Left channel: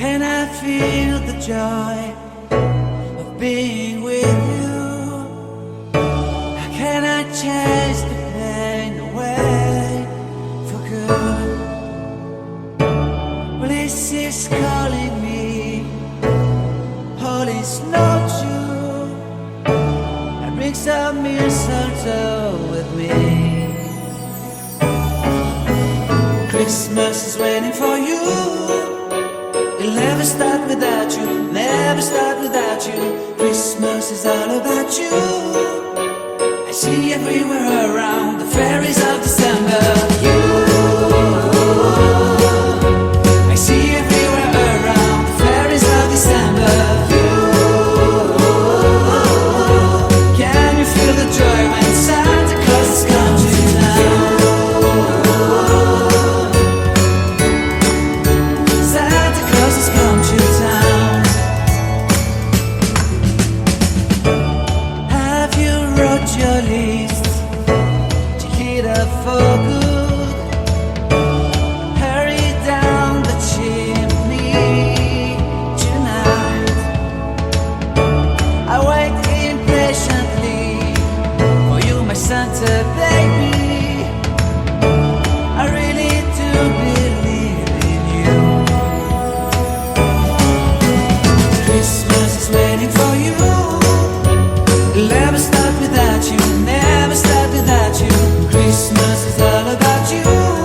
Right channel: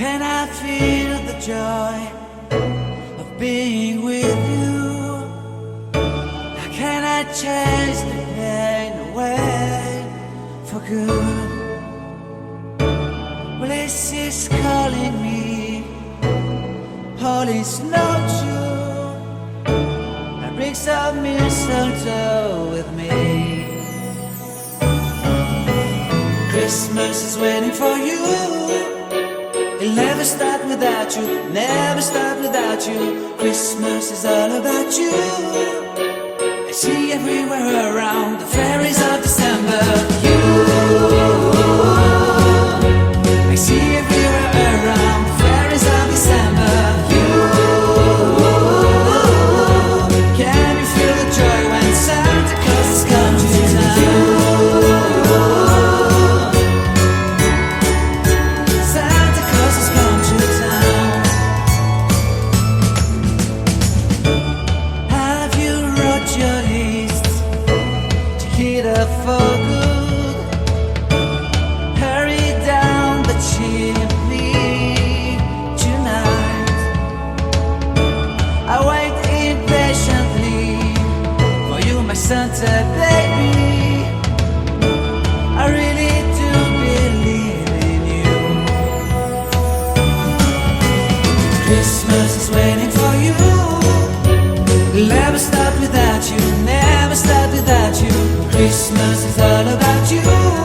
Can I feel the joy of being with you? How can I chase the pain away for good? Well, this is calling me, all is not true. I bring some mistletoe with me. Christmas is waiting for you. It'll never start without you, never start without you. Christmas is all about you. I see everywhere around the fairies of December. You, I see everywhere around the fairies of December. You, can you feel the joy when Santa Claus has come to town? Santa Claus has come to town. Have you wrote your list? Check it up for good. Hurry down the chimney tonight. I wait impatiently for you, my Santa baby. I really do believe in you. Christmas is waiting for you. It'll never start without you, never start without you. Christmas is all about you.